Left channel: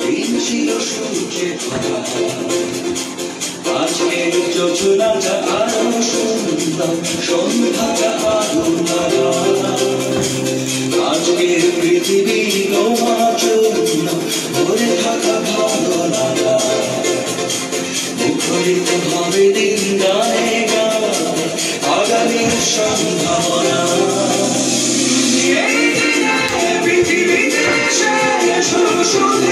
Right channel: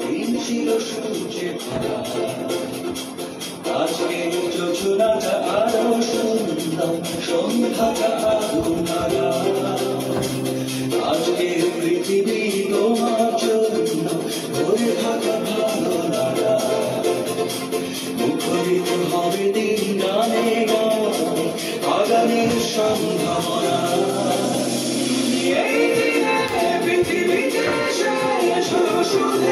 দিন ছিল সূর্যের কথা, আজকের যোজনাটা আরো সুন্দর, সন্ধ্যাটা আরো লাগা। আজকের পৃথিবী তোমার জন্য ভরে থাকা ভালো লাগা, মুখরিত হবে দিন গানে গানে আগামীর সম্ভাবনা। পৃথিবীতে শুধু শুধু